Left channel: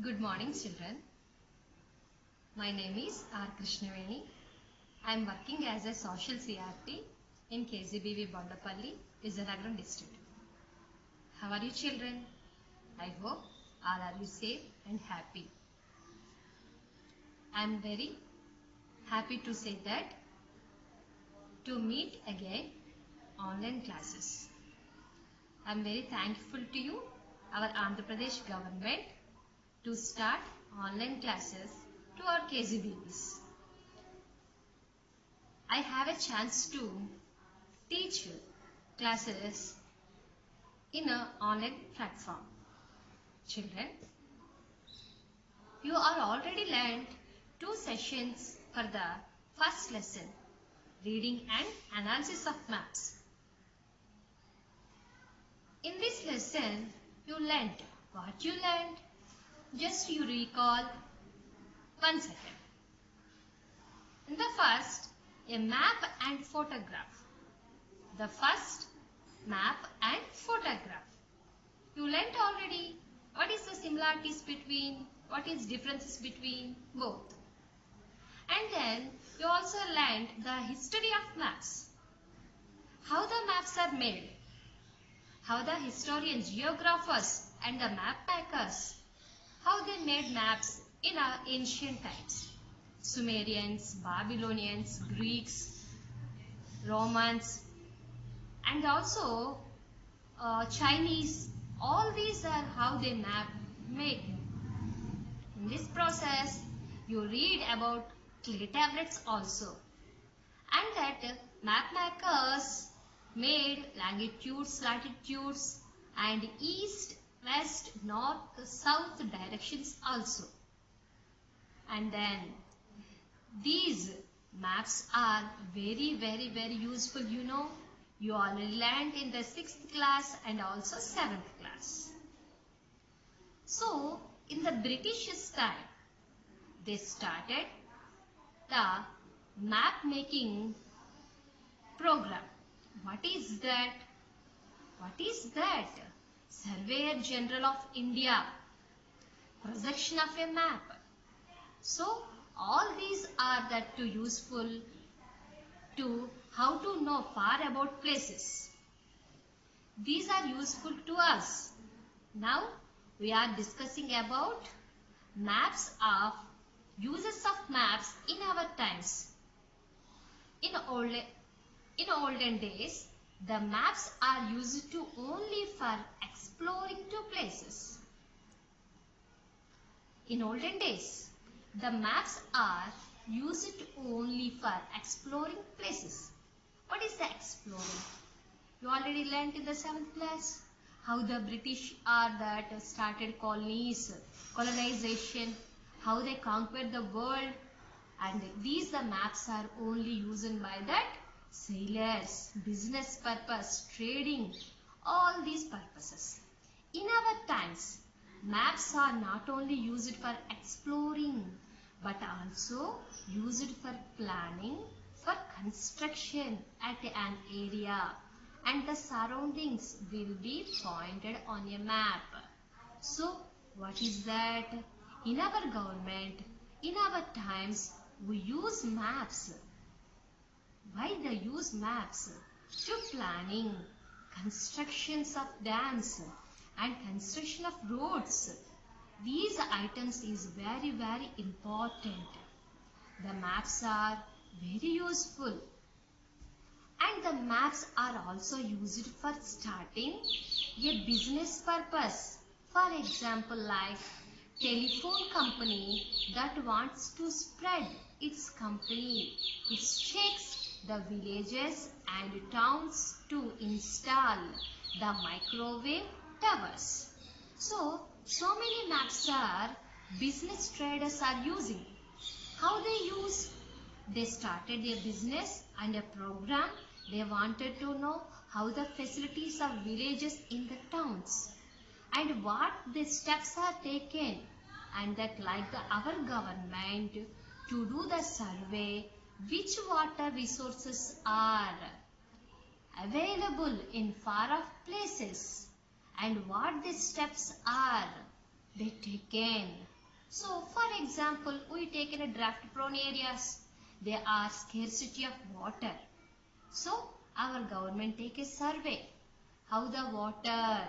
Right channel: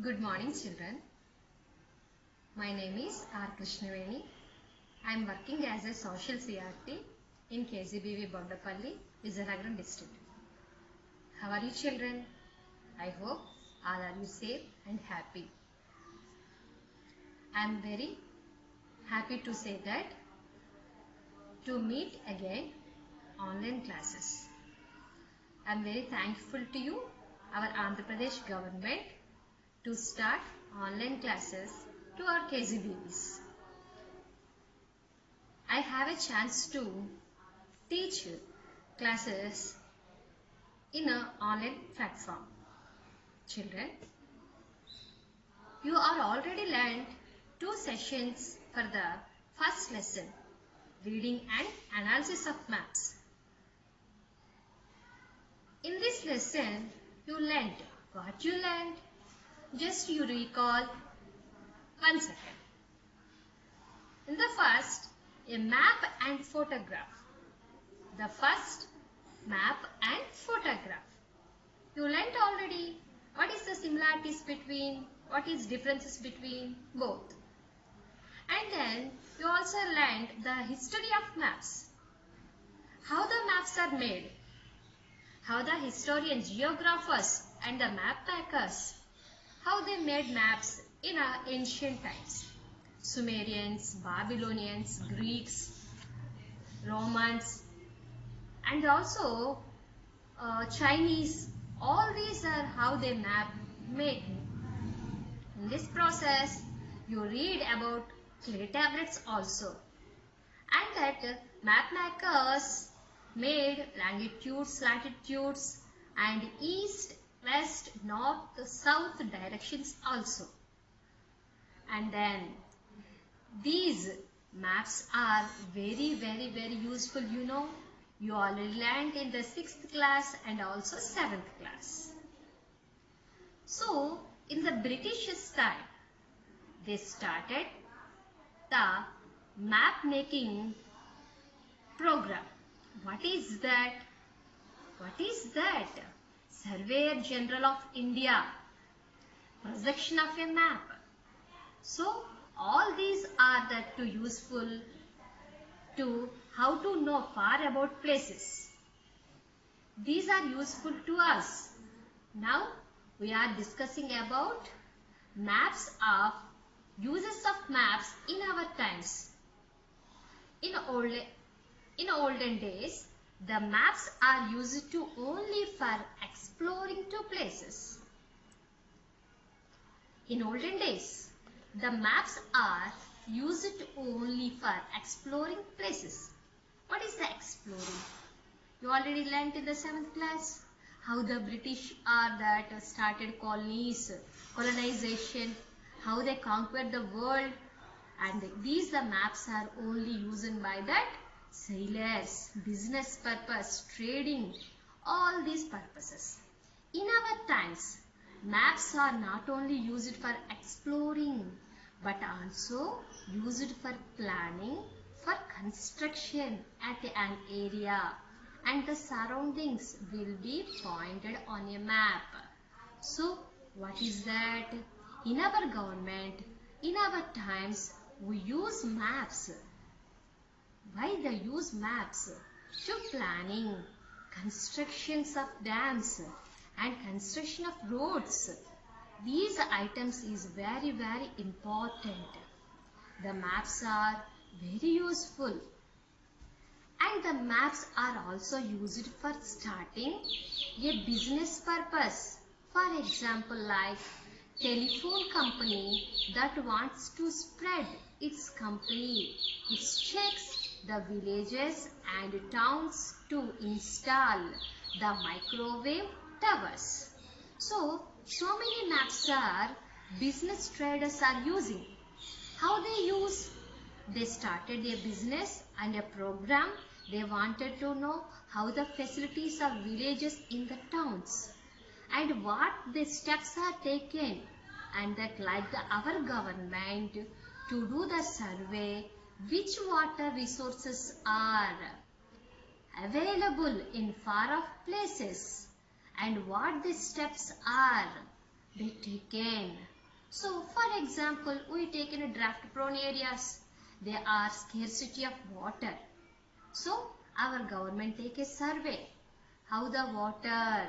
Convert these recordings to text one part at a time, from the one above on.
Good morning, children. My name is R. Krishnaveni. I am working as a social CRT in KGBV Bondapalli, Vizagaram district. How are you, children? I hope all are you safe and happy. I am very happy to say that to meet again online classes. I am very thankful to you, our Andhra Pradesh government, to start online classes to our KGBVs. I have a chance to teach classes in an online platform. Children, you are already learned 2 sessions for the first lesson, reading and analysis of maps. In this lesson, you learned what you learned. Just you recall 1 second. In the first, a map and photograph. The first, map and photograph. You learnt already what is the similarities between, what is differences between both. And then you also learnt the history of maps. How the maps are made. How the historians, geographers and the map makers, how they made maps in ancient times. Sumerians, Babylonians, Greeks, Romans and also Chinese. All these are how they make. In this process, you read about clay tablets also. And that map makers made longitudes, latitudes and east, west, north, south directions also. And then these maps are very useful, you know. You already learned in the 6th class and also 7th class. So, in the British time, they started the map making program. What is that? What is that? Surveyor General of India, projection of a map. So, all these are that too useful to how to know far about places. These are useful to us. Now, we are discussing about maps of uses of maps in our times. In olden days, the maps are used to only for exploring to places. In olden days, the maps are used only for exploring places. What is the exploring? You already learnt in the 7th class how the British are that started colonies, colonization, how they conquered the world, and these the maps are only used by that sailors, business purpose, trading, all these purposes. In our times, maps are not only used for exploring but also used for planning, for construction at an area, and the surroundings will be pointed on a map. So, what is that? In our government, in our times, we use maps. Why they use maps? To planning, constructions of dams and construction of roads. These items is very important. The maps are very useful. And the maps are also used for starting a business purpose. For example, like telephone company that wants to spread its company, it checks the villages and towns to install the microwave towers. So many maps are business traders are using. How they use? They started their business and a program. They wanted to know how the facilities of villages in the towns and what the steps are taken, and that like our government to do the survey which water resources are available in far off places and what the steps are they taken. So for example, we take in a drought prone areas. There are scarcity of water. So our government take a survey how the water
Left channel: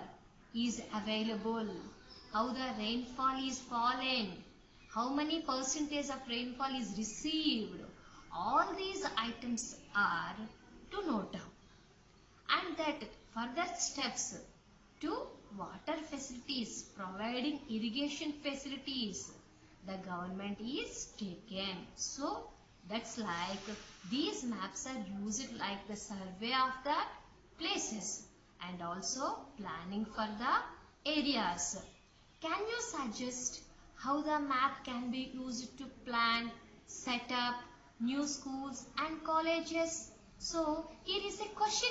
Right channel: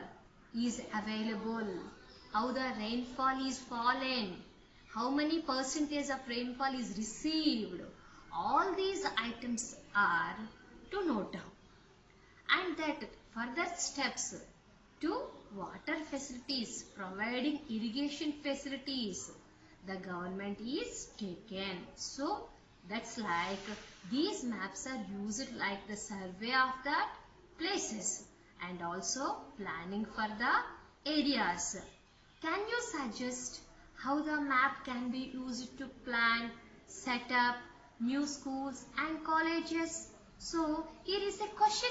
is available, how the rainfall is fallen, how many percentage of rainfall is received. All these items are to note down. And that further steps to water facilities, providing irrigation facilities, the government is taken. So that's like these maps are used like the survey of the places and also planning for the areas. Can you suggest how the map can be used to plan, set up new schools and colleges? So here is a question,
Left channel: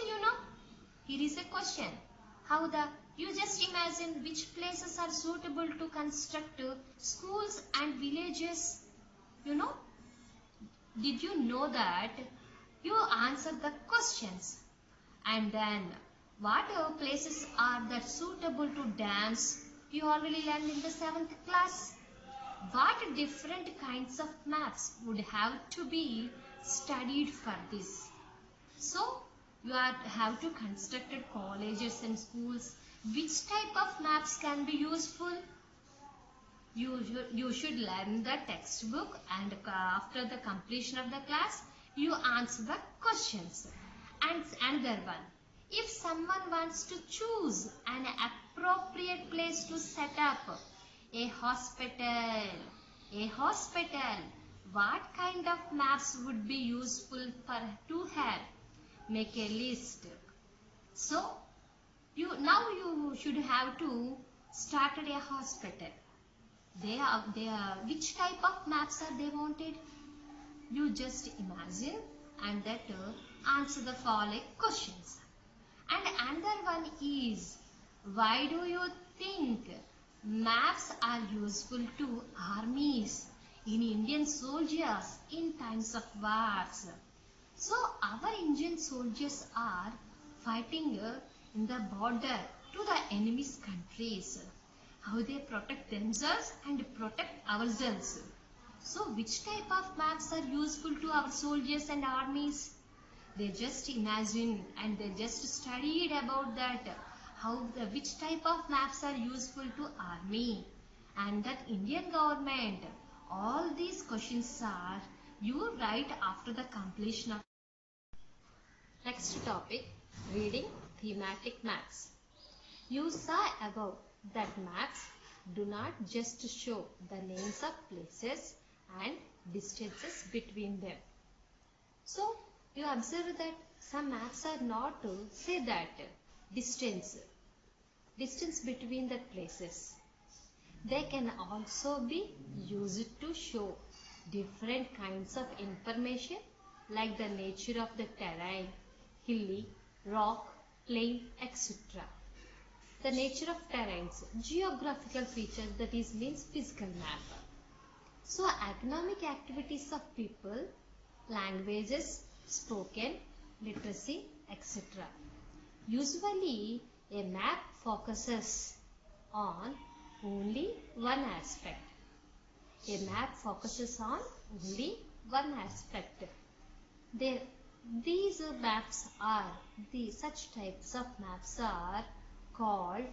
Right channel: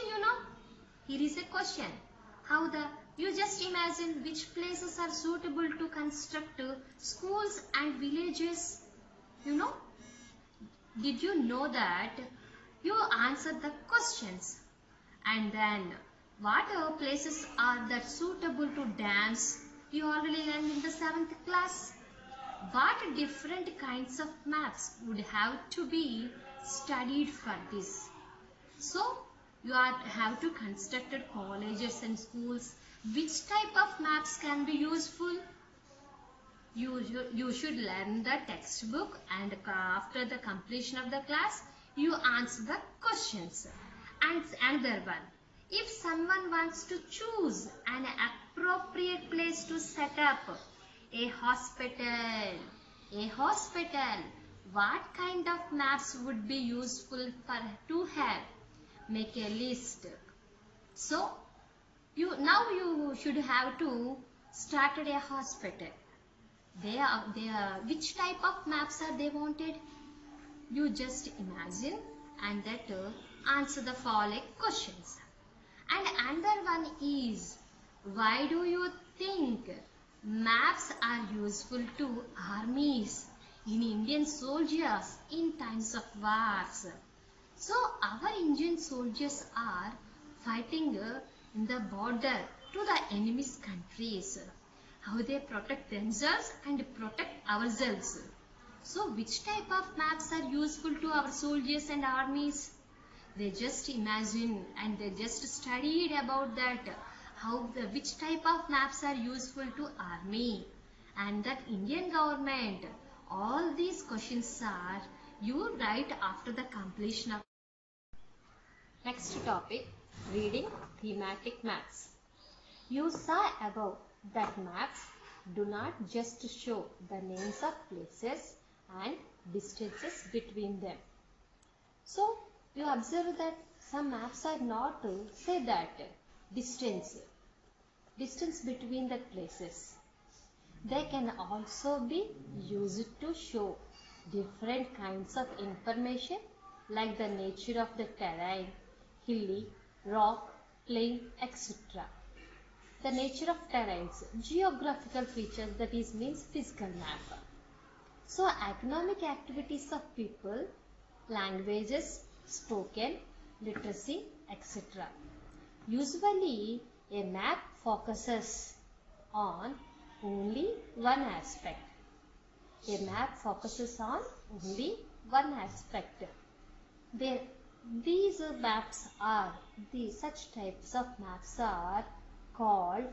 Here is a question. You just imagine which places are suitable to construct schools and villages? You know, did you know that? You answered the questions. And then what places are that suitable to dams? You already learned in the 7th class. What different kinds of maps would have to be studied for this? So you have to construct colleges and schools. Which type of maps can be useful? You should learn the textbook, and after the completion of the class, you answer the questions. And another one, if someone wants to choose an appropriate place to set up a hospital, what kind of maps would be useful to have? Make a list. So now you should have to start a hospital. Which type of maps are they wanted? You just imagine and that answer the following questions. And another one is, why do you think maps are useful to armies, in Indian soldiers in times of wars? So our Indian soldiers are fighting in the border to the enemy's countries. How they protect themselves and protect ourselves. So which type of maps are useful to our soldiers and armies? They just imagine and they just studied about that, which type of maps are useful to army and that Indian government. All these questions are you write after the completion of. Next topic, reading thematic maps. You saw above that maps do not just show the names of places and distances between them. So you observe that some maps are not to say that distance between the places. They can also be used to show different kinds of information like the nature of the terrain, hilly, rock, plain, etc. The nature of terrains, geographical features, that is means physical map. So economic activities of people, languages spoken, literacy, etc. Usually a map focuses on only one aspect. A map focuses on only one aspect. Such types of maps are called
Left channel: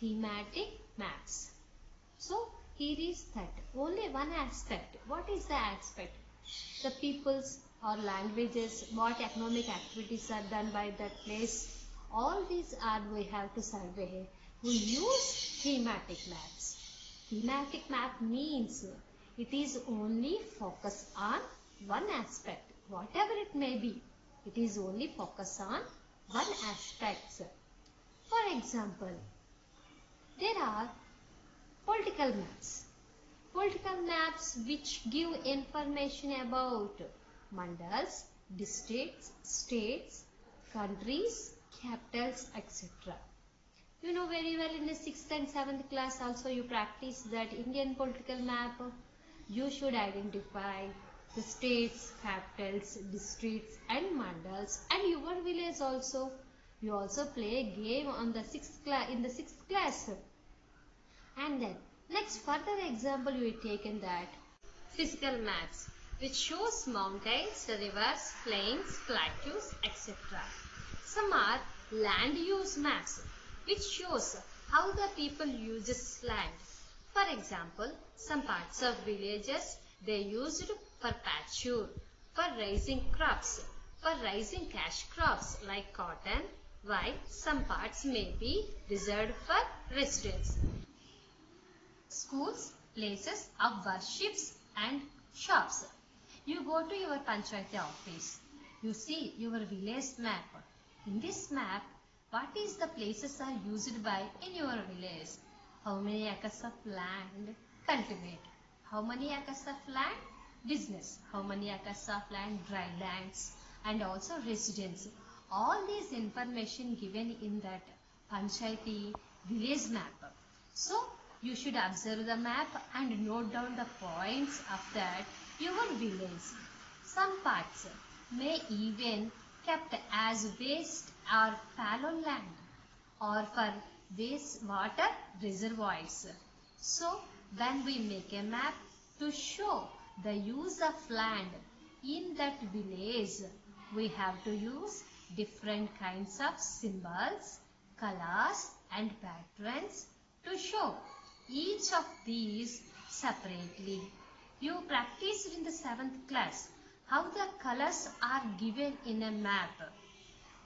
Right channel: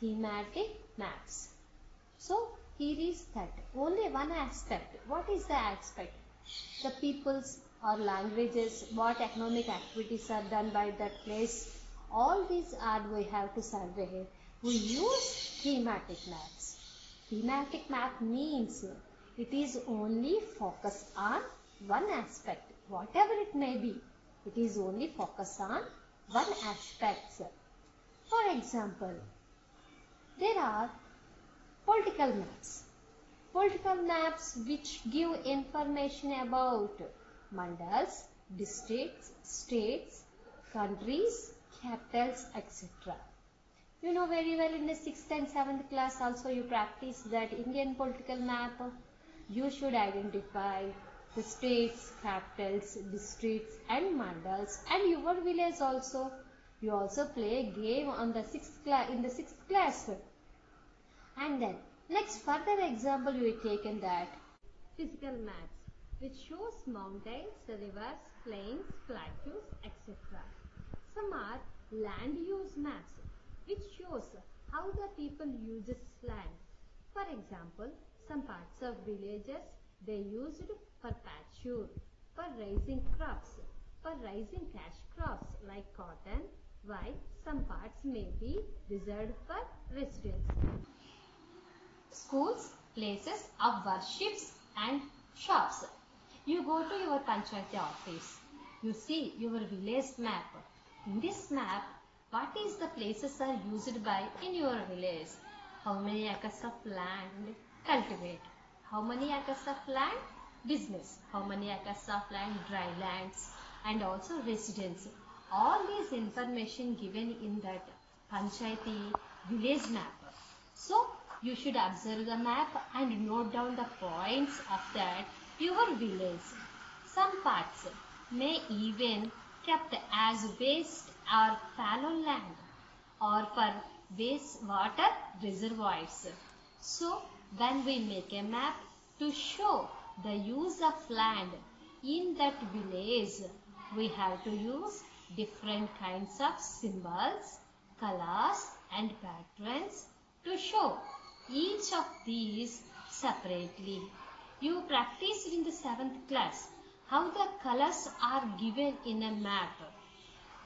thematic maps. So here is that only one aspect. What is the aspect? The peoples or languages, what economic activities are done by that place. All these are we have to survey. We use thematic maps. Thematic map means it is only focused on one aspect. Whatever it may be, it is only focused on one aspect. For example, there are political maps. Political maps which give information about mandals, districts, states, countries, capitals, etc. You know very well in the 6th and 7th class also you practice that Indian political map. You should identify the states, capitals, districts and mandals, and your village also. You also play a game on the 6th class, in the 6th class. And then Next, further example we taken that physical maps which shows mountains, rivers, plains, plateaus, etc. Some are land use maps which shows how the people uses land. For example, some parts of villages they used for pasture, for raising crops, for raising cash crops like cotton, while some parts may be reserved for residence. Schools, places of worships and shops. You go to your Panchayati office. You see your village map. In this map, what is the places are used by in your village? How many acres of land cultivate? How many acres of land business? How many acres of land dry lands and also residence? All these information given in that Panchayati village map. So you should observe the map and note down the points of that your village. Some parts may even kept as waste or fallow land or for wastewater reservoirs. So when we make a map to show the use of land in that village, we have to use different kinds of symbols, colors and patterns to show each of these separately. You practiced in the 7th class how the colors are given in a map.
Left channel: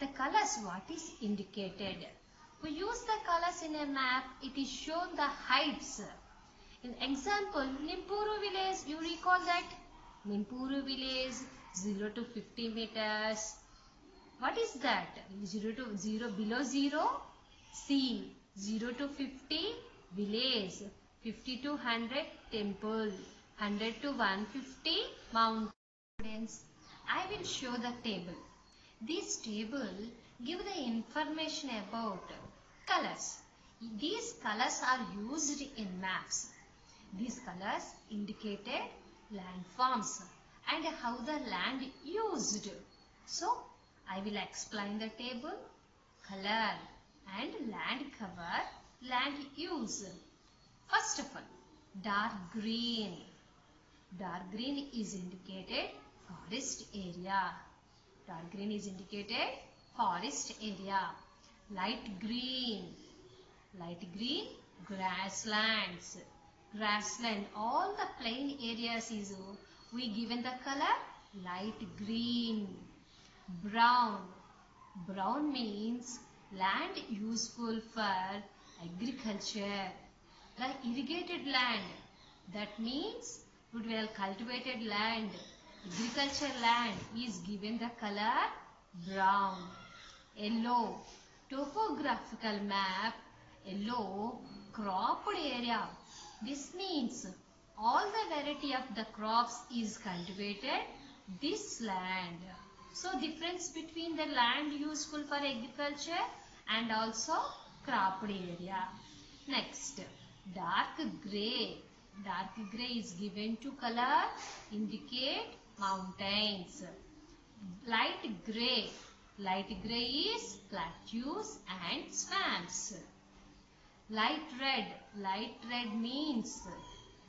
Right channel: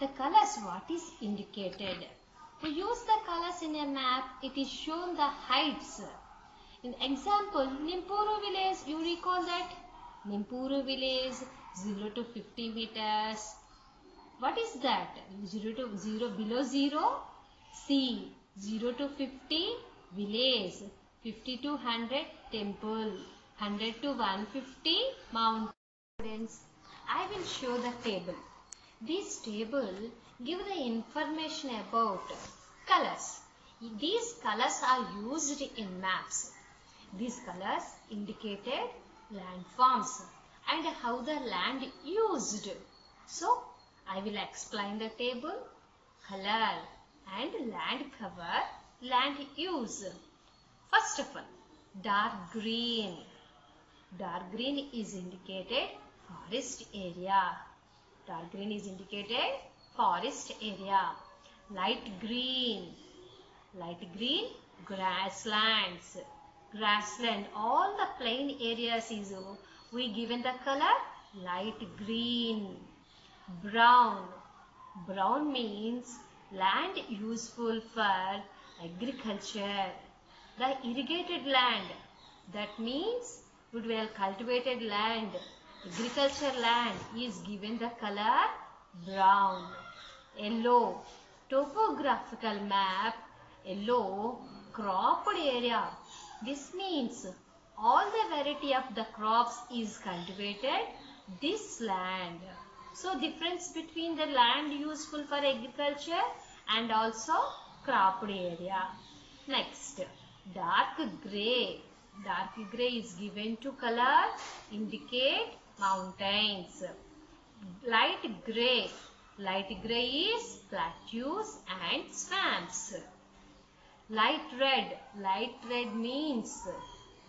The colors what is indicated. To use the colors in a map, it is shown the heights. In example, Nimpuru village, you recall that? Nimpuru village 0 to 50 meters. What is that? 0 to 0 below 0? C. 0 to 50 village. 50 to 100 temple. 100 to 150 mountain. Students, I will show the table. This table give the information about colors. These colors are used in maps. These colors indicated landforms and how the land used. So, I will explain the table, color and land cover, land use. First of all, dark green. Dark green is indicated forest area. Dark green is indicated forest area. Light green. Light green, grasslands. Grassland, all the plain areas is we given the color light green. Brown. Brown means land useful for agriculture. The irrigated land, that means good well cultivated land, agriculture land is given the color brown. Yellow. Topographical map, yellow, cropped area. This means all the variety of the crops is cultivated this land. So difference between the land useful for agriculture and also cropped area. Next, dark grey. Dark grey is given to color indicate mountains. Light grey. Light grey is plateaus and swamps. Light red. Light red means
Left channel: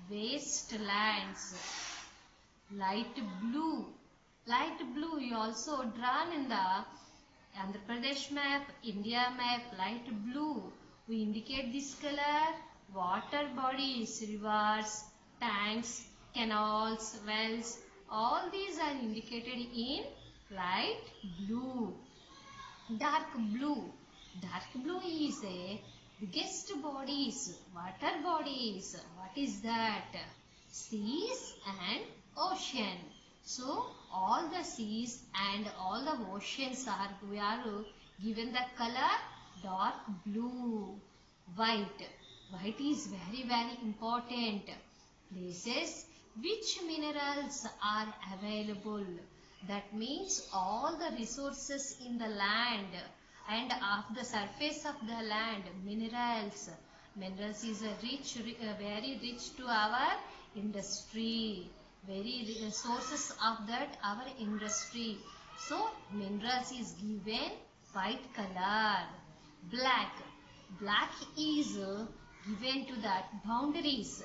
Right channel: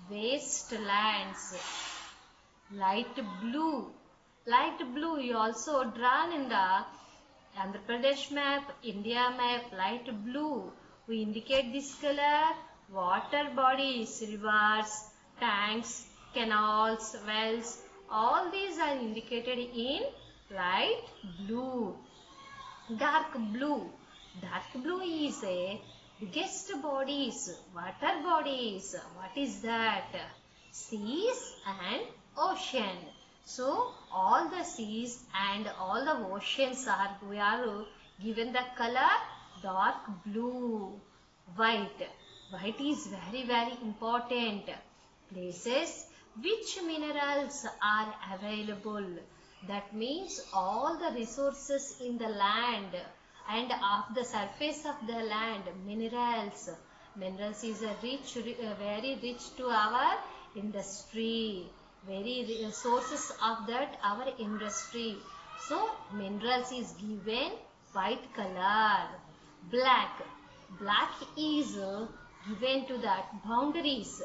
wastelands. Light blue. Light blue is also drawn in the Andhra Pradesh map, India map, light blue. We indicate this color, water bodies, rivers, tanks, canals, wells, all these are indicated in light blue. Dark blue. Dark blue is a biggest bodies, water bodies. What is that? Seas and ocean. So all the seas and all the oceans we are given the color dark blue. White. White is very important. Places which minerals are available. That means all the resources in the land and of the surface of the land, minerals. Minerals is a very rich to our industry. Very sources of that our industry. So minerals is given white color. Black. Black is given to that boundaries,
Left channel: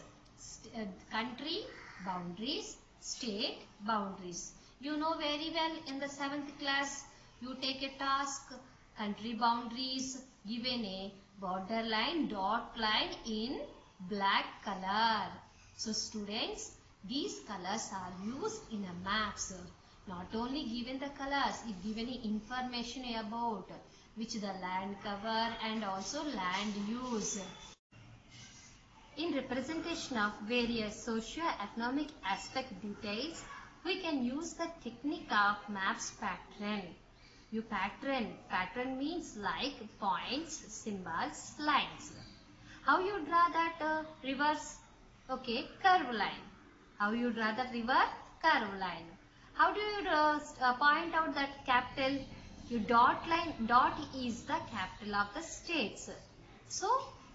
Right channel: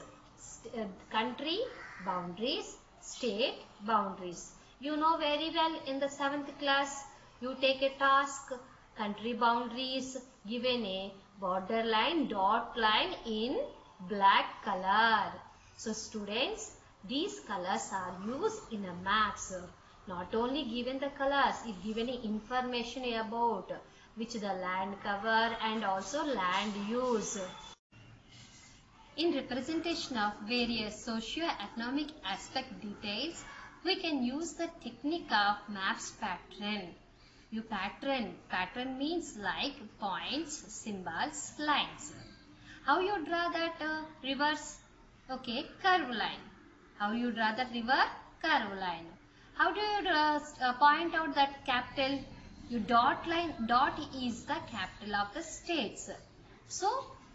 country boundaries, state boundaries. You know very well in the 7th class, you take a task, country boundaries, given a border line, dot line in black color. So students, these colors are used in a maps. Not only given the colors, it given information about which the land cover and also land use. In representation of various socio-economic aspect details, we can use the technique of maps pattern. You pattern means like points, symbols, lines. How you draw that rivers? Okay, curve line. How you draw the river? Curve line. How do you draw, point out that capital? You dot line. Dot is the capital of the states. So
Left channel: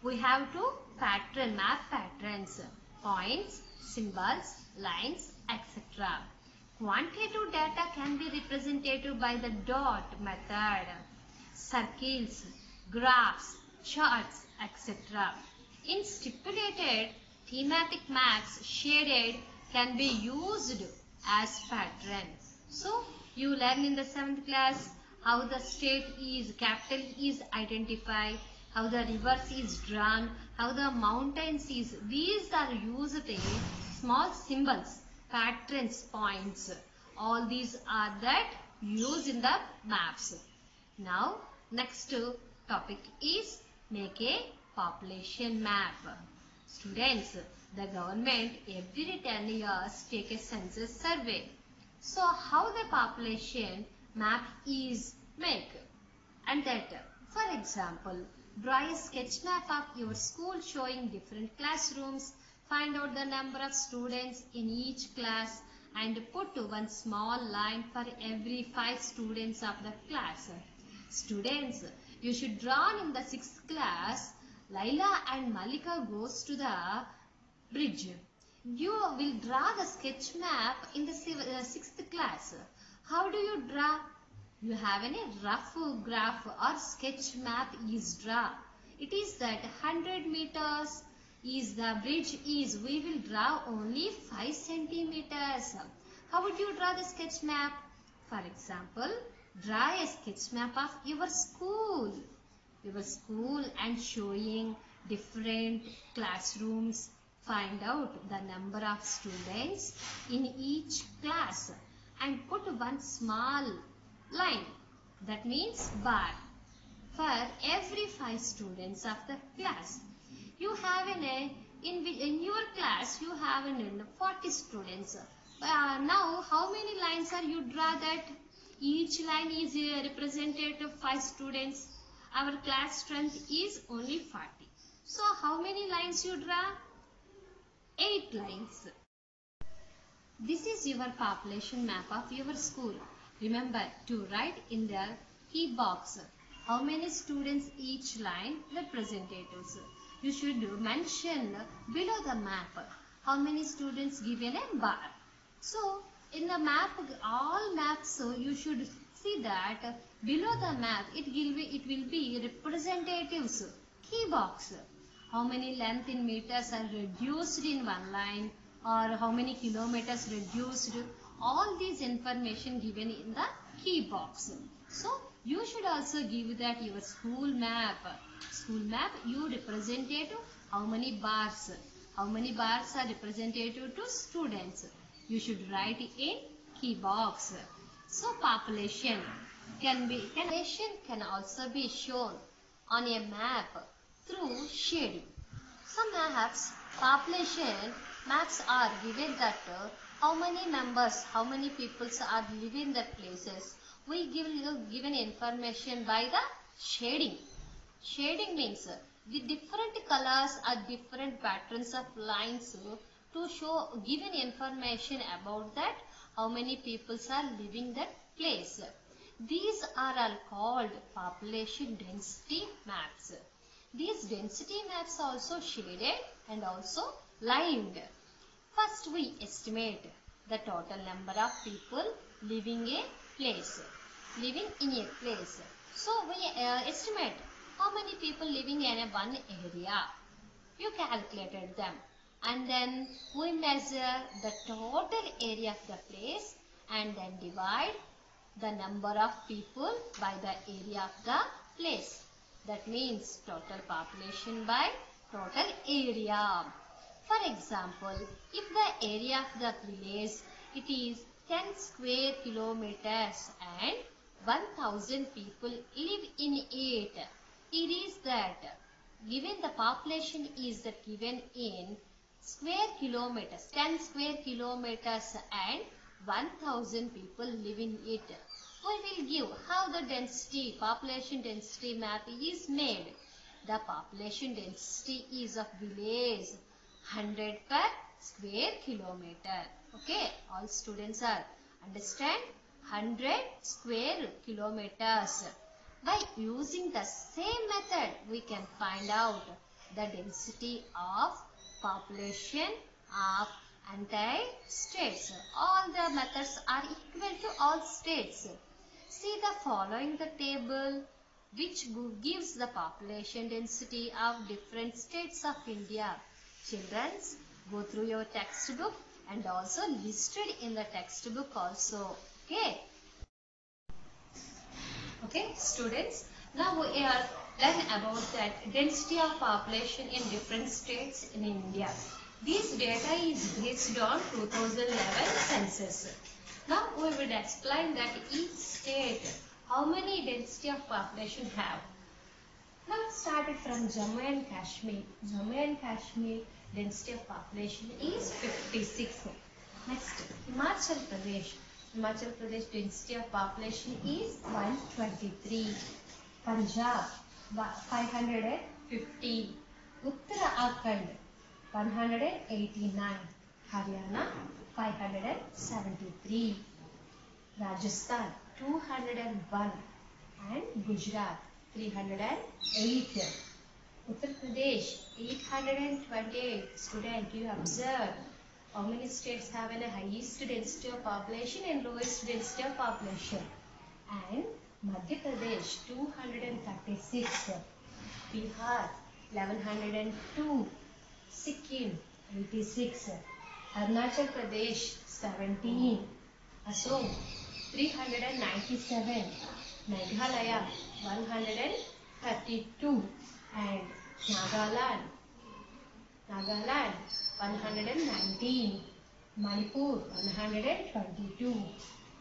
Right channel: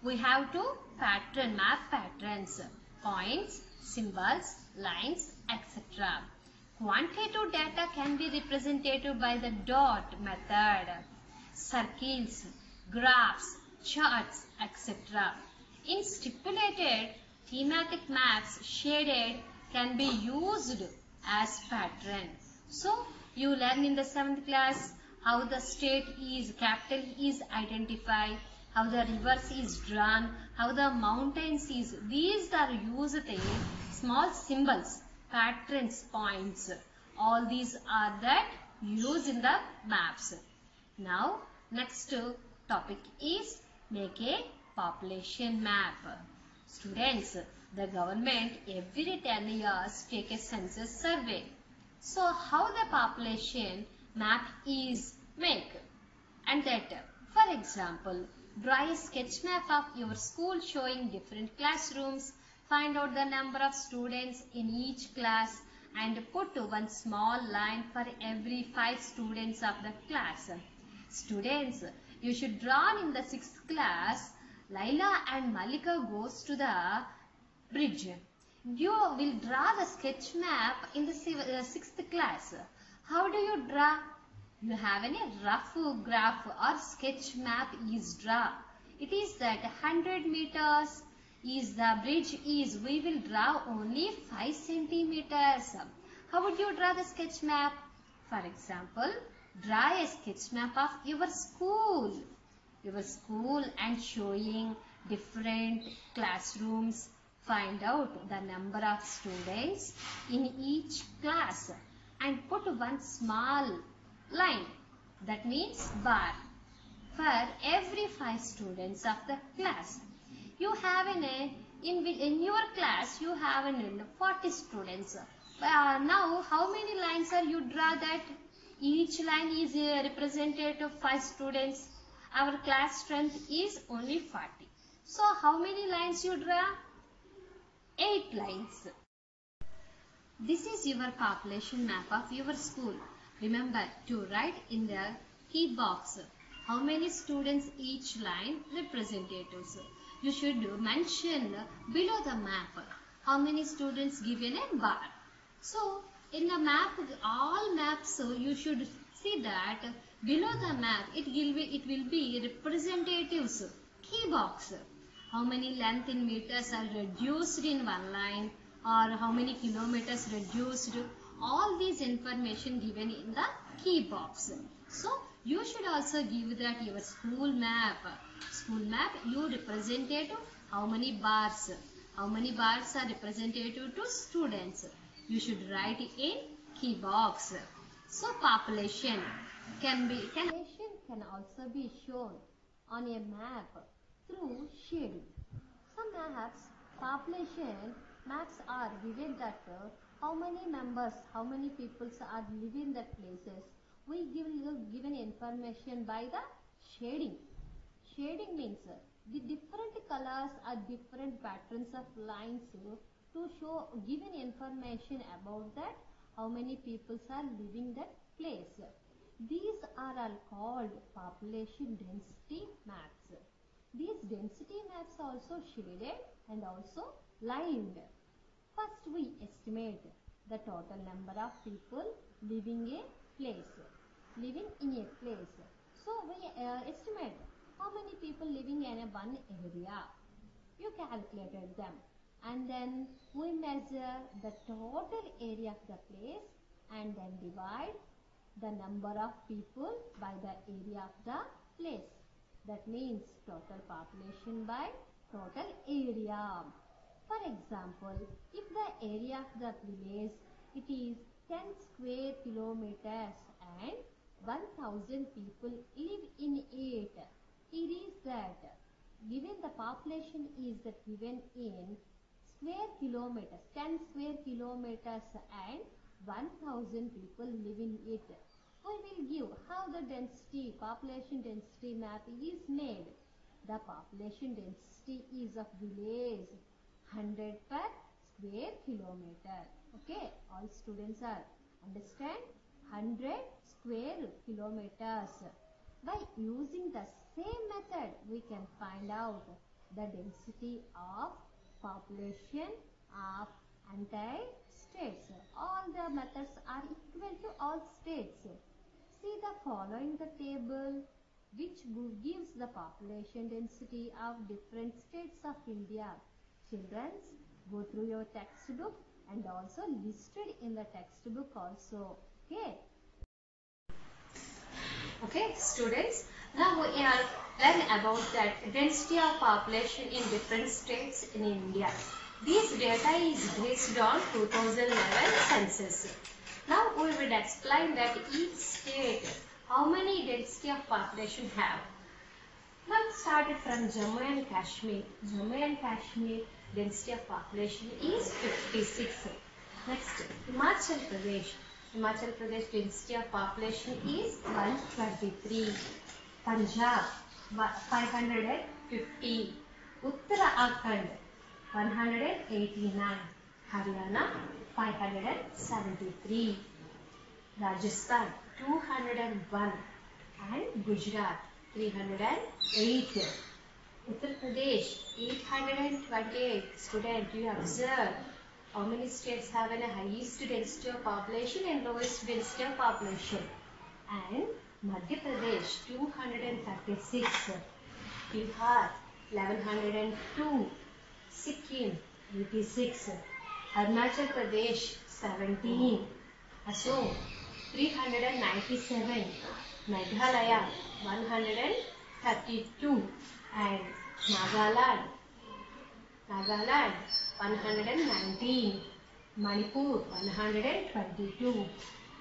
we have to map patterns, points, symbols, lines, etc. Quantitative data can be represented by the dot method, circles, graphs, charts, etc. In stipulated thematic maps, shaded can be used as pattern. So you learn in the 7th class how the state is, capital is identified, how the rivers is drawn, how the mountains is. These are used in small symbols, patterns, points. All these are that used in the maps. Now next topic is make a population map. Students, the government every 10 years take a census survey. So how the population map is made? And that, for example, draw a sketch map of your school showing different classrooms, find out the number of students in each class and put one small line for every 5 students of the class. Students, you should draw in the 6th class, Laila and Malika goes to the bridge. You will draw the sketch map in the 6th class. How do you draw? You have a rough graph or sketch map is draw. It is that 100 meters is the bridge is, we will draw only 5 centimeters. How would you draw the sketch map? For example, draw a sketch map of your school. Your school and showing different classrooms. Find out the number of students in each class and put one small line, that means bar, for every 5 students of the class. You have in your class you have 40 students. Now how many lines are you draw that? Each line is represented of 5 students. Our class strength is only 40. So how many lines you draw? 8 lines. This is your population map of your school. Remember to write in the key box how many students each line representatives. You should mention below the map how many students given a bar. So in the map, all maps, you should see that below the map it will be representatives, key box. How many length in meters are reduced in one line, or how many kilometers reduced. All these information given in the key box. So you should also give that your school map. School map you representative how many bars. How many bars are representative to students. You should write in key box. So population can also be shown on a map through shading. Some maps, population maps are given that how many members, how many people are living in that places. We given information by the shading. Shading means the different colors are different patterns of lines to show given information about that how many people are living that place. These are all called population density maps. These density maps are also shaded and also lined. First we estimate the total number of people living in a place. So we estimate how many people living in one area. You calculated them. And then we measure the total area of the place and then divide the number of people by the area of the place. That means total population by total area. For example, if the area of the village it is 10 square kilometers and 1000 people live in it. It is that given the population is that given in square kilometers, 10 square kilometers and 1000 people live in it. We will give how the density, population density map is made. The population density is of village 100 per square kilometer. Okay, all students are understand 100 square kilometers. By using the same method, we can find out the density of population of entire states. All the methods are equal to all states. See the following the table which gives the population density of different states of India. Children, go through your textbook and also listed in the textbook also. Okay. Okay, students, now we are learn about that density of population in different states in India. This data is based on 2011 census. Now we will explain that each state how many density of population have. Now started from Jammu and Kashmir. Jammu and Kashmir density of population is 56. Next, Himachal Pradesh. Himachal Pradesh density of population is 123. Punjab 550. Uttarakhand 189. Haryana 573. Rajasthan 201 and Gujarat 308. Uttar Pradesh 828. Student, you observe how many states have a highest density of population and lowest density of population. And Madhya Pradesh 236, Bihar 1102, Sikkim 86, Arunachal Pradesh 17, Assam 397, Meghalaya 132 and Nagaland 119, Manipur 122,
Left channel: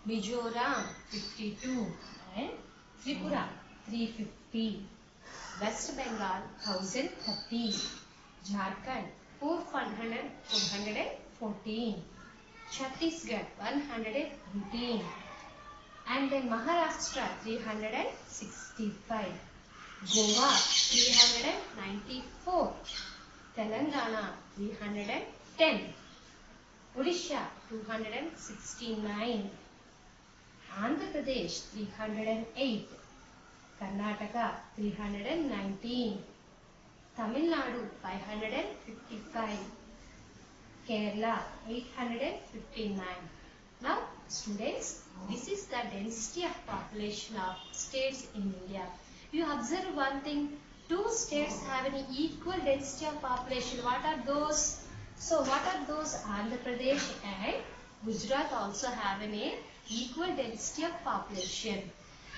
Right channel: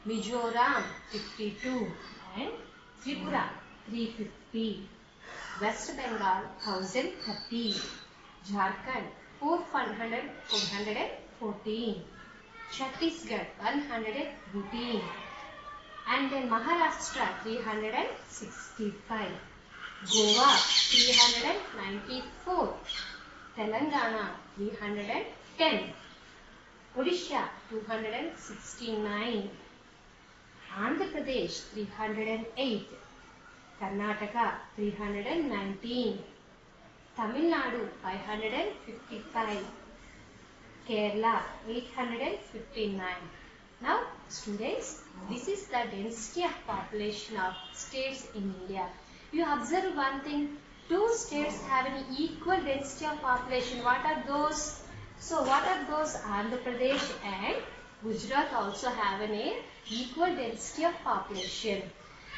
Mizoram 52 and Tripura 350, West Bengal 1030, Jharkhand 414, Chhattisgarh 118 and then Maharashtra 365, Goa 394, Telangana 310, Odisha 269, Andhra Pradesh 308, Karnataka 319, Tamil Nadu 555, Kerala 859. Now students, this is the density of population of states in India. You observe one thing, two states have an equal density of population. What are those? So what are those? Andhra Pradesh and Gujarat also have an equal density of population.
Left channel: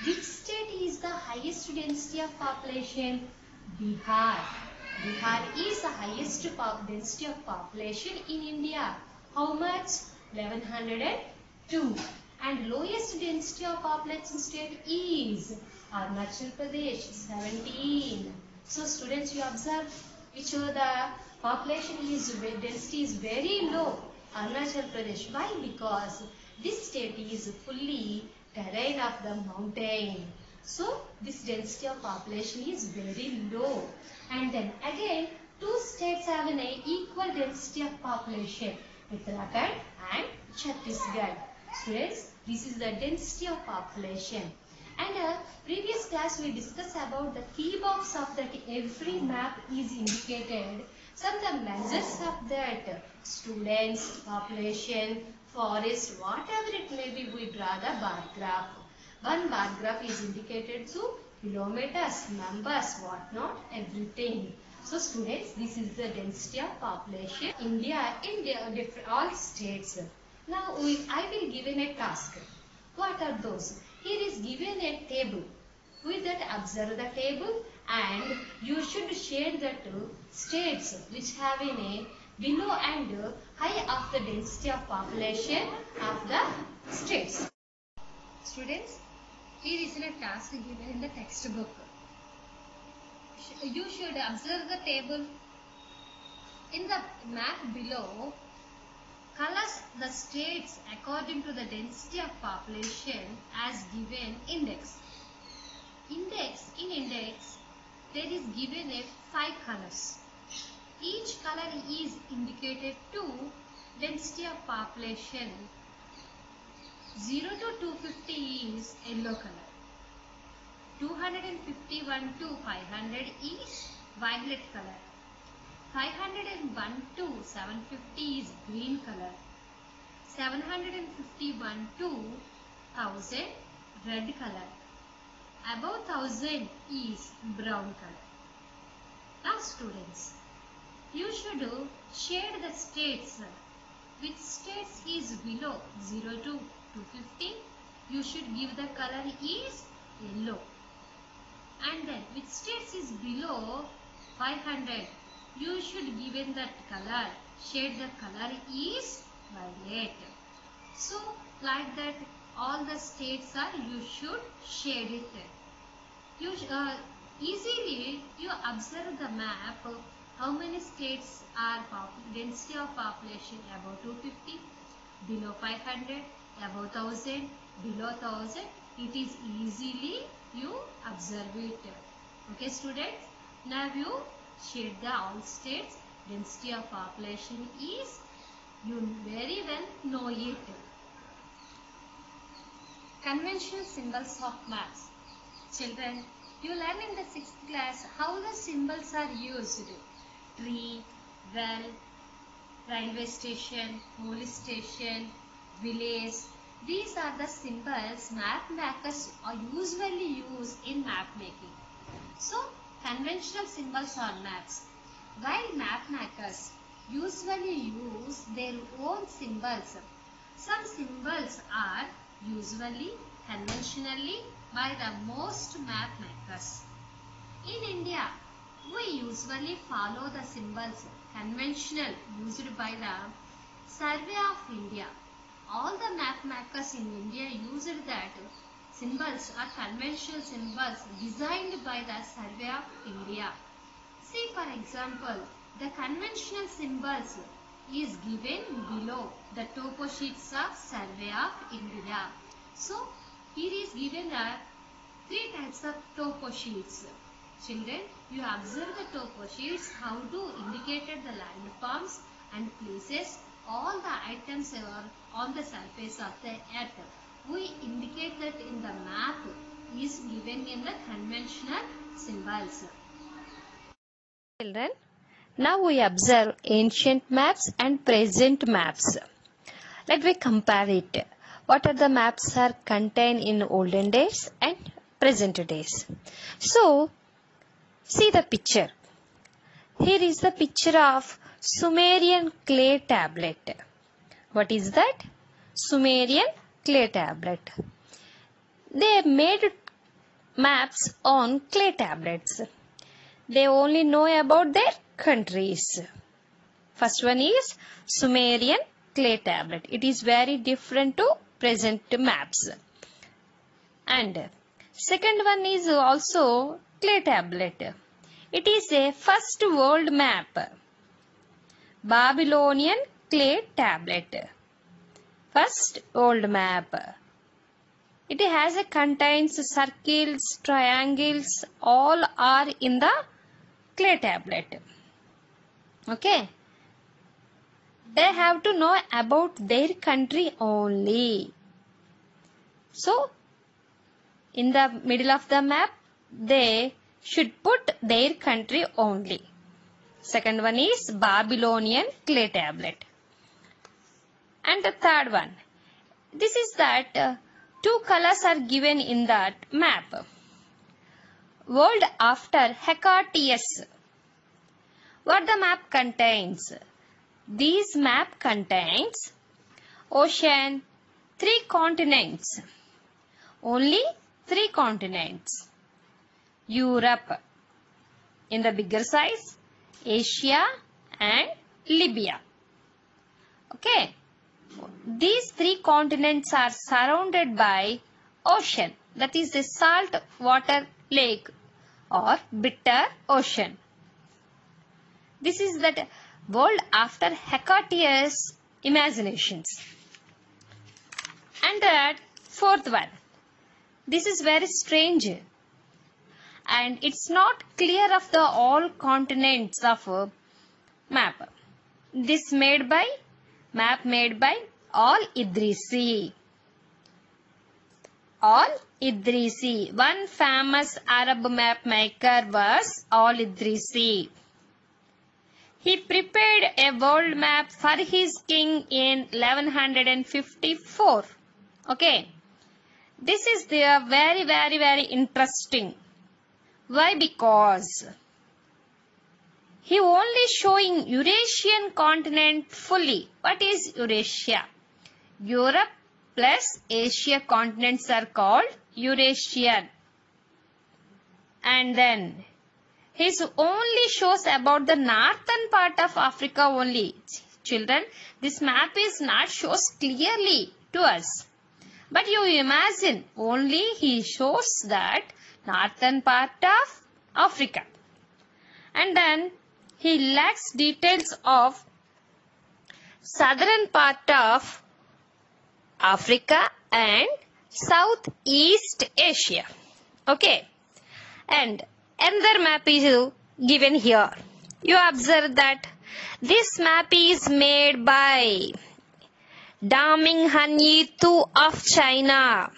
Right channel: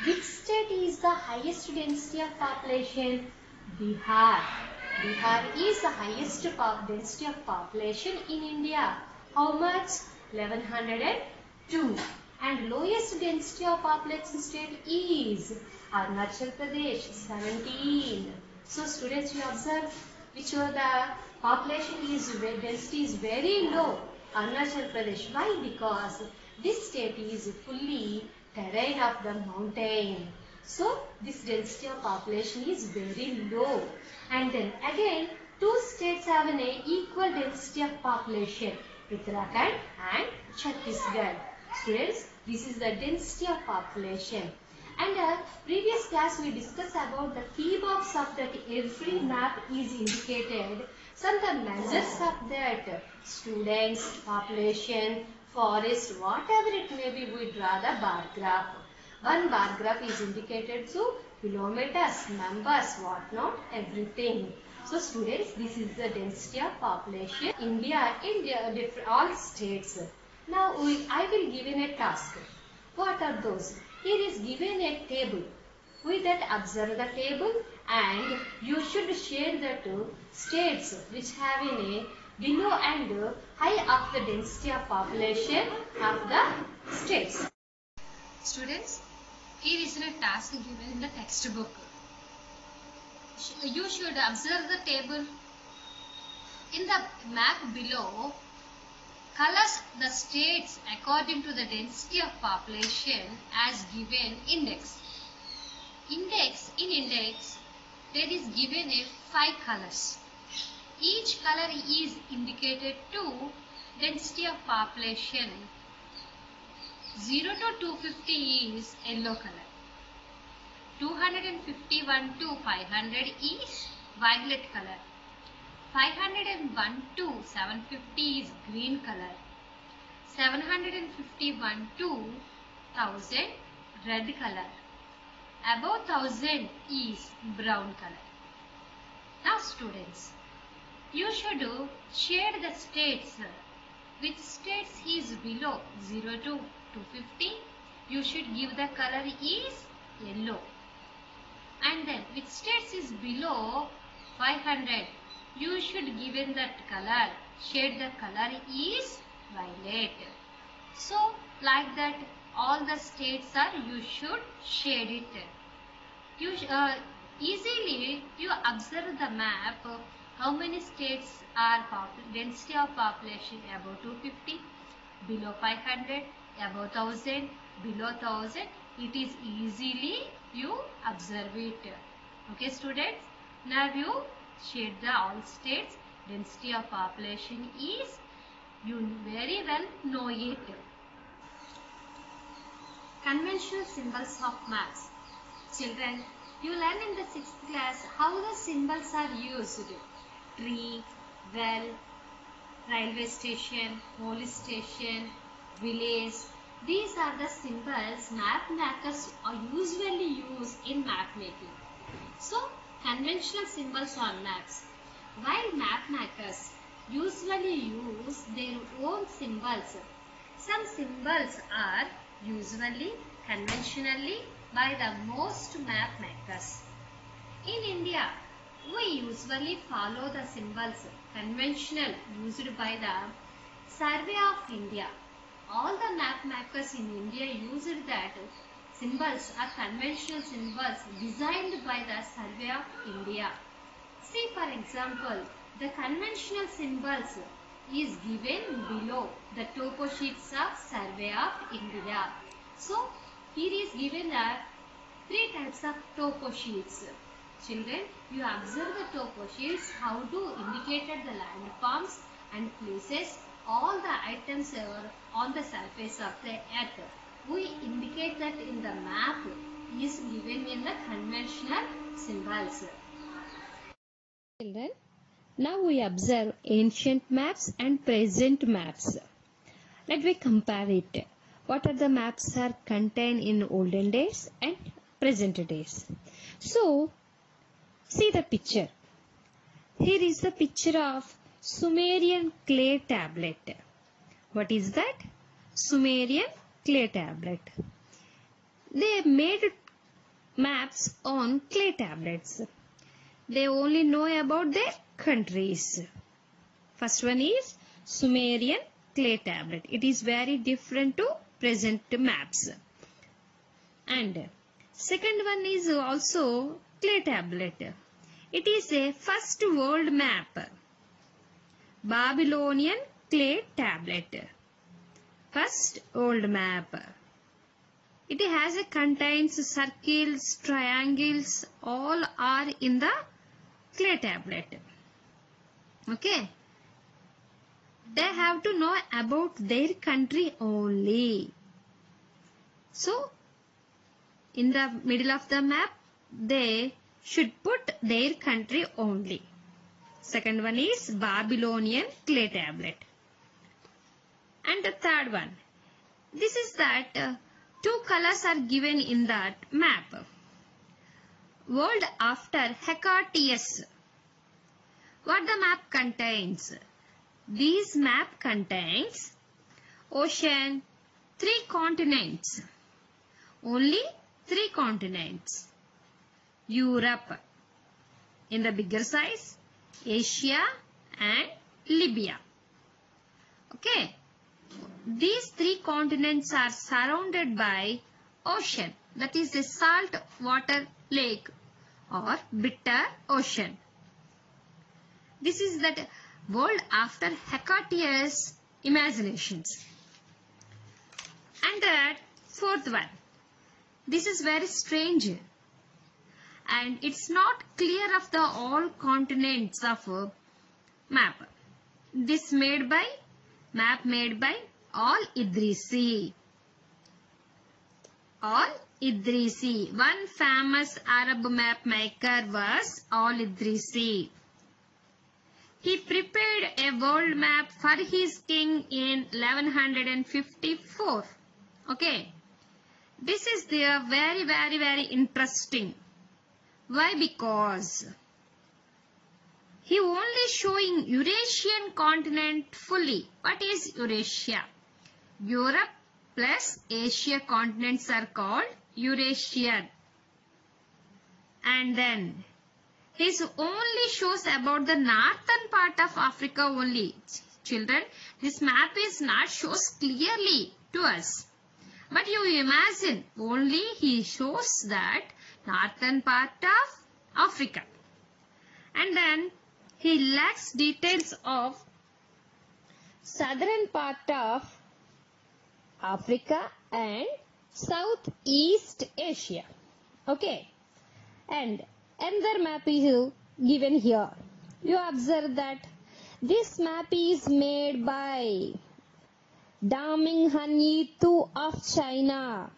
Which state is the highest density of population? Bihar. Bihar is the highest density of population in India. How much? 1102. And lowest density of population state is Arunachal Pradesh 17. So students, you observe which are the population density is very low. Arunachal Pradesh. Why? Because this state is fully terrain of the mountain. So this density of population is very low. And then again, two states have an equal density of population, Uttarakhand and Chhattisgarh. Students, this is the density of population. And previous class we discussed about the key box of that every map is indicated. Some of the measures of that students, population, forest, whatever it may be, we draw the bar graph. One bar graph is indicated through kilometers, numbers, what not, everything. So students, this is the density of population. India, all states. Now I will given a task. What are those? Here is given a table. With that observe the table and you should share the two states which have a below and high of the density of population of the states. Students, here is a task given in the textbook. You should observe the table. In the map below, colors the states according to the density of population as given index. In index, there is given a 5 colors. Each color is indicated to density of population. 0 to 250 is yellow color. 251 to 500 is violet color. 501 to 750 is green color. 751 to 1000 red color. Above 1000 is brown color. Now students, you should share the states. Which states is below 0 to 250? You should give the color is yellow. And then which states is below 500? You should given that color. Shade the color is violet. So like that all the states are you should shade it. You easily you observe the map. How many states are density of population above 250, below 500, above 1000, below 1000. It is easily you observe it. Okay students, now you shade the all states density of population is you very well know it. Conventional symbols of maps. Children, you learn in the 6th class how the symbols are used. Tree, well, railway station, police station, village. These are the symbols map makers usually use in map making. So, conventional symbols on maps. While map makers usually use their own symbols, some symbols are usually conventionally by the most map makers. In India, we usually follow the symbols conventional used by the Survey of India. All the map makers in India used that symbols are conventional symbols designed by the Survey of India. See for example, the conventional symbols is given below the topo sheets of Survey of India. So here is given 3 types of topo sheets. Children, you observe the topo sheets, how to indicate the landforms and places. All the items are on the surface of the earth. We indicate that in the map is given in the conventional symbols. Children, now we observe ancient maps and present maps. Let me compare it. What are the maps are contained in olden days and present days. So, see the picture. Here is the picture of Sumerian clay tablet. What is that? Sumerian clay tablet. They made maps on clay tablets. They only know about their countries. First one is Sumerian clay tablet. It is very different to present maps. And second one is also clay tablet. It is a first world map. Babylonian clay tablet. First world map. It has contains circles, triangles, all are in the clay tablet. Okay. They have to know about their country only. So, in the middle of the map, they should put their country only. Second one is Babylonian clay tablet. And the third one. This is that 2 colors are given in that map. World after Hecataeus. what the map contains. This map contains ocean, 3 continents. Only 3 continents. Europe in the bigger size, Asia and Libya. Okay. These 3 continents are surrounded by ocean, that is the salt water lake or bitter ocean. This is the world after Hecataeus' imaginations. And the 4th one. This is very strange. And it's not clear of the all continents of map. This map made by Al-Idrisi. Al-Idrisi. One famous Arab map maker was Al-Idrisi. He prepared a world map for his king in 1154. Okay. This is very interesting. Why? Because he only showing Eurasian continent fully. What is Eurasia? Europe plus Asia continents are called Eurasian. And then he only shows about the northern part of Africa only. Children, this map is not shows clearly to us. But you imagine, only he shows that northern part of Africa. And then he lacks details of southern part of Africa and Southeast Asia. Okay. And another map is given here. You observe that this map is made by Daming Hanyi Tu of China.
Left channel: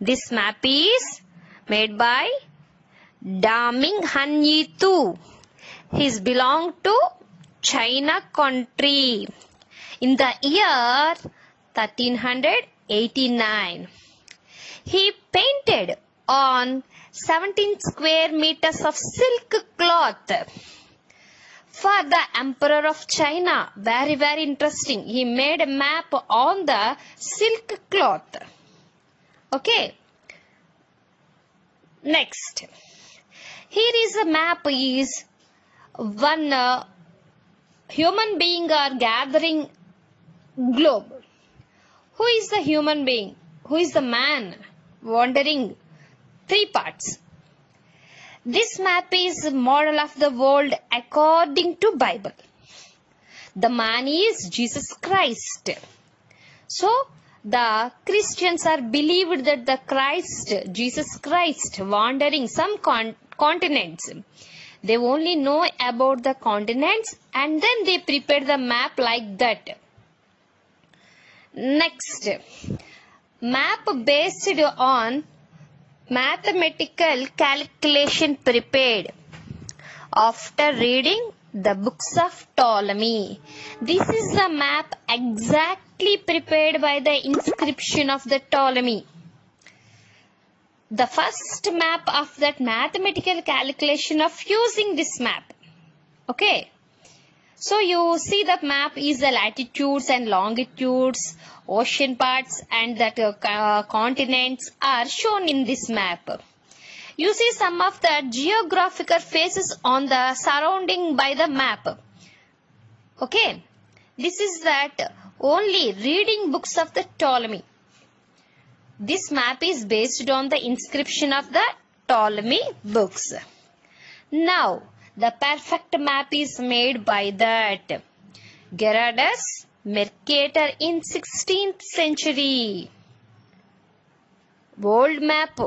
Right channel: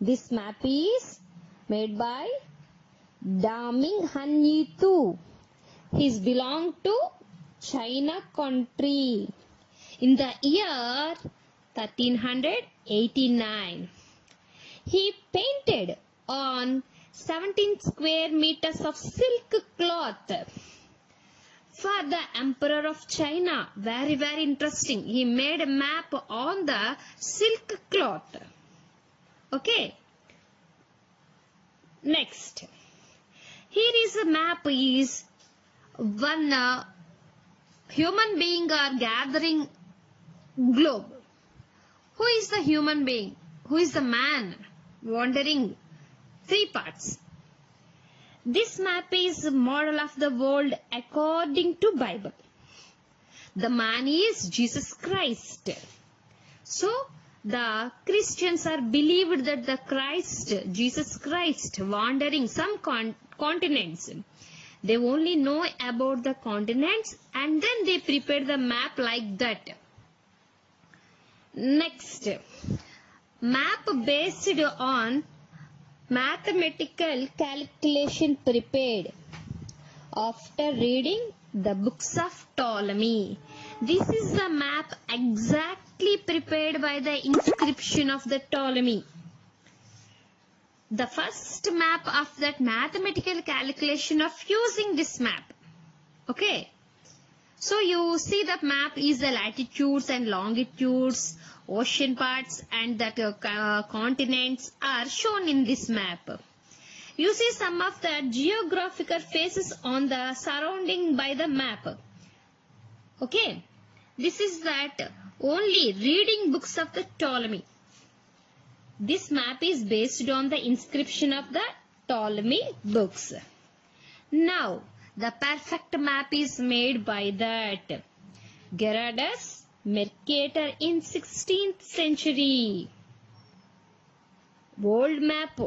This map is made by Daming Hanyi Tu. He belongs to China country in the year 1389. He painted on 17 square meters of silk cloth for the Emperor of China. Very interesting. He made a map on the silk cloth. Okay. Next. Here is a map is one human being are gathering globe. Who is the human being? Who is the man wandering 3 parts? This map is model of the world according to Bible. The man is Jesus Christ. So the Christians are believed that the Christ, Jesus Christ, wandering some continents. They only know about the continents and then they prepare the map like that. Next, map based on mathematical calculation prepared after reading the books of Ptolemy. This is the map exactly prepared by the inscription of the Ptolemy. The first map of that mathematical calculation of using this map. Okay. So you see the map is the latitudes and longitudes, ocean parts and that continents are shown in this map. You see some of the geographical faces on the surrounding by the map. Okay. This is that only reading books of the Ptolemy. This map is based on the inscription of the Ptolemy books. Now, the perfect map is made by that Gerardus Mercator in 16th century. World map,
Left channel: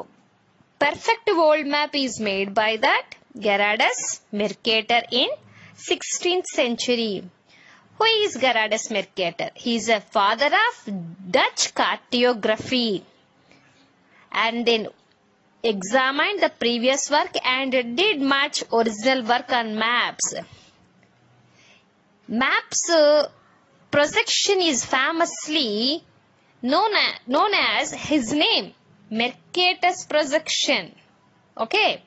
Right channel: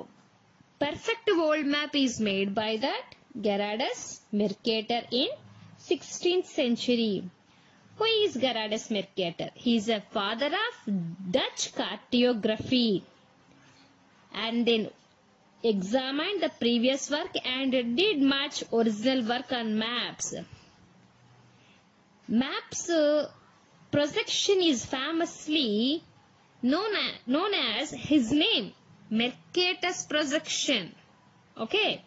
perfect world map is made by that Gerardus Mercator in 16th century. Who is Gerardus Mercator? He is a father of Dutch cartography and then examined the previous work and did much original work on maps. Maps projection is famously known as his name, Mercator's projection. Okay.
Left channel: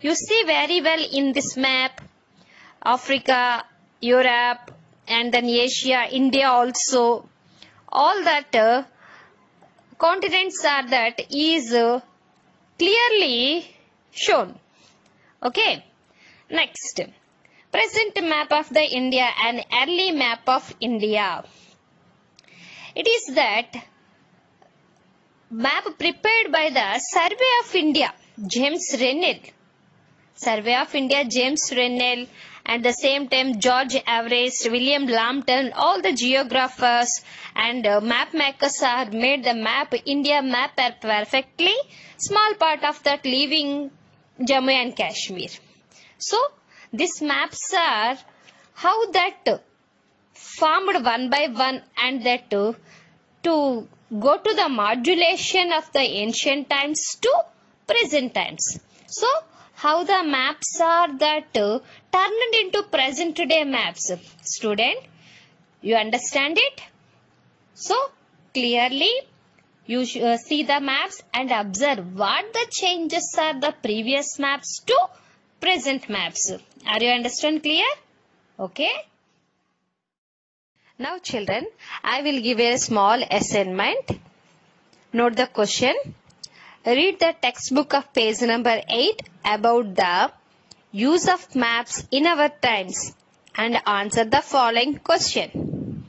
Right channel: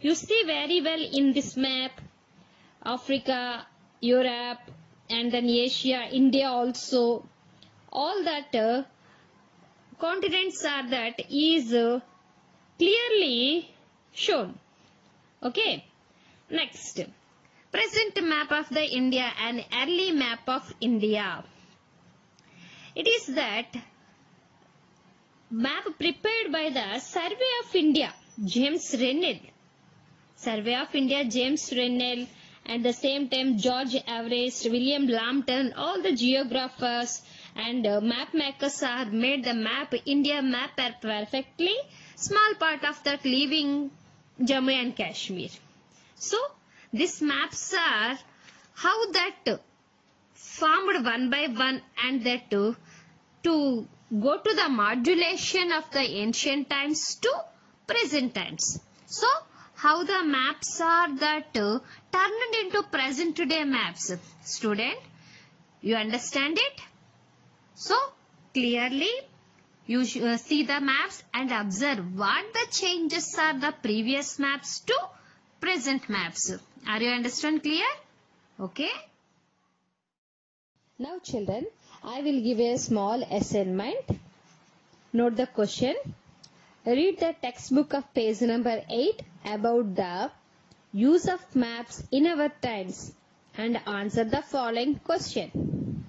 You see very well in this map, Africa, Europe, and then Asia, India also. All that continents are that is clearly shown. Okay. Next, present map of the India and early map of India. It is that map prepared by the Survey of India, James Rennell. Survey of India, James Rennell, and the same time George Everest, William Lambton, all the geographers and map makers are made the map, India map perfectly. Small part of that leaving Jammu and Kashmir. So, these maps are how that formed one by one, and that to go to the modulation of the ancient times to present times. So, how the maps are that turned into present day maps. Student, you understand it? So, clearly you see the maps and observe what the changes are the previous maps to present maps. Are you understand clear? Okay. Now children, I will give a small assignment. Note the question. Read the textbook of page number 8 about the use of maps in our times and answer the following question.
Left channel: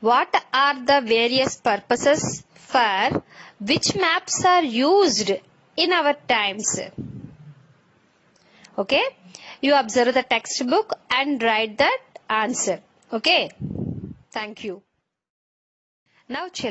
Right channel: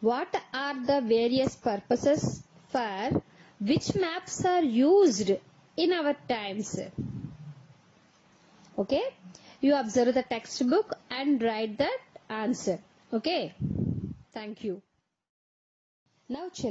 What are the various purposes for which maps are used in our times? Okay. You observe the textbook and write that answer. Okay. Thank you. Now children.